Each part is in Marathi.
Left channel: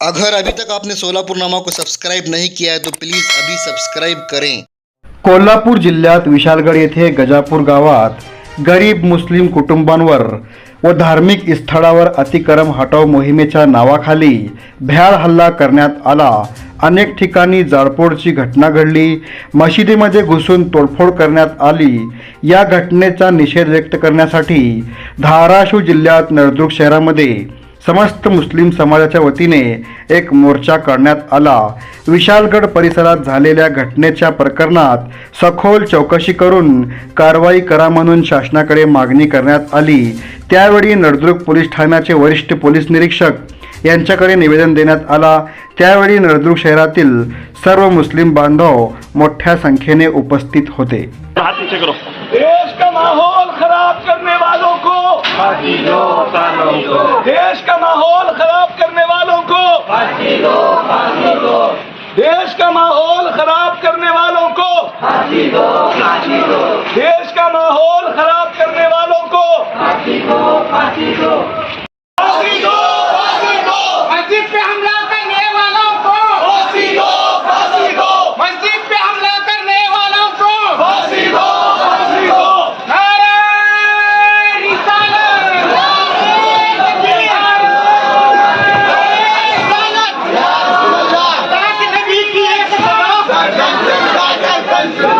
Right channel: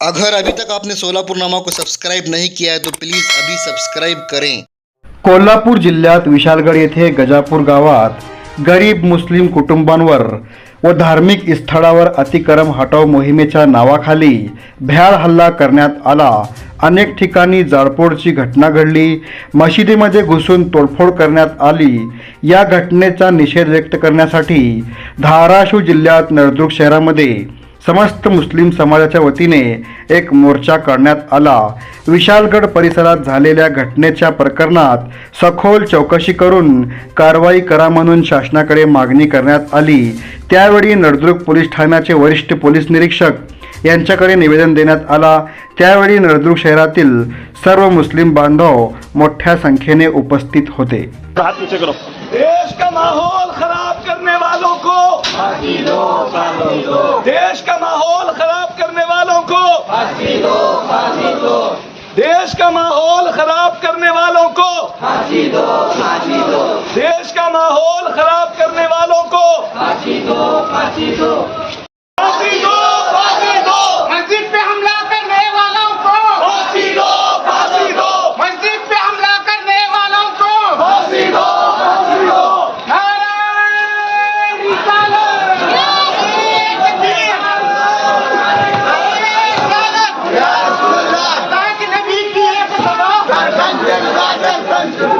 अगर अभी तक आपने सोलापुर नामा को सब्सक्राइब नहीं किया है तो प्लीज़ अभी सब्सक्राइब करें। कोल्हापूर जिल्ह्यात विशालगड येथे गजापूर गावात गरीब मुस्लिम कुटुंबांवर व धार्मिक स्थळावर अतिक्रम हटाव मोहिमेच्या नावाखाली भ्याड हल्ला करण्यात आला. अनेक ठिकाणी जाळपोळची घटना घडली. मशिदीमध्ये घुसून तोडफोड करण्यात आली. या घटनेचा निषेध व्यक्त करण्यासाठी धाराशिव जिल्ह्यात नळदुर्ग शहरामध्ये समस्त मुस्लिम समाजाच्या वतीने एक मोर्चा काढण्यात आला. विशालगड परिसरात झालेल्या घटनेच्या प्रकरणात सखोल चौकशी करून कारवाई करा म्हणून शासनाकडे मागणी करण्यात आली. त्यावेळी नळदुर्ग पोलीस ठाण्याचे वरिष्ठ पोलीस निरीक्षक यांच्याकडे निवेदन देण्यात आला. त्यावेळी नळदुर्ग शहरातील सर्व मुस्लिम बांधव मोठ्या संख्येने उपस्थित होते. देश का माहौल खराब करने वालों को, देश का माहौल खराब करने वालों को, देश का माहौल खराब करने वालों को। Vai, vai, vai, vai.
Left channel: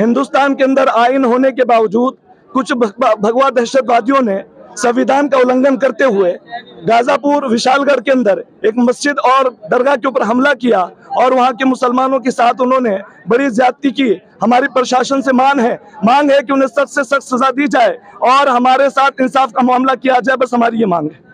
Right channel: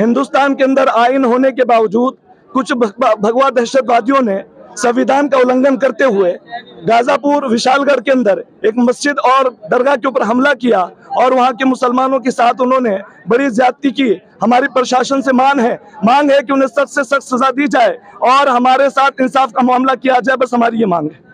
Hindustan के अंदर आइन होने के बावजूद कुछ भग- भगवा दहशतवादियों ने संविधान का उल्लंघन करते हुए गाजापुर, विशालगढ़ के अंदर एक मस्जिद और दरगाह के ऊपर हमला किया और वहाँ के मुसलमानों के साथ उन्होंने बड़ी ज्यादती की। हमारी प्रशासन से मांग है मांग है कि उन्हें सख्त से सख्त सजा दी जाए और हमारे साथ इंसाफ का मामला किया जाए। बस हमारी ये मांग है।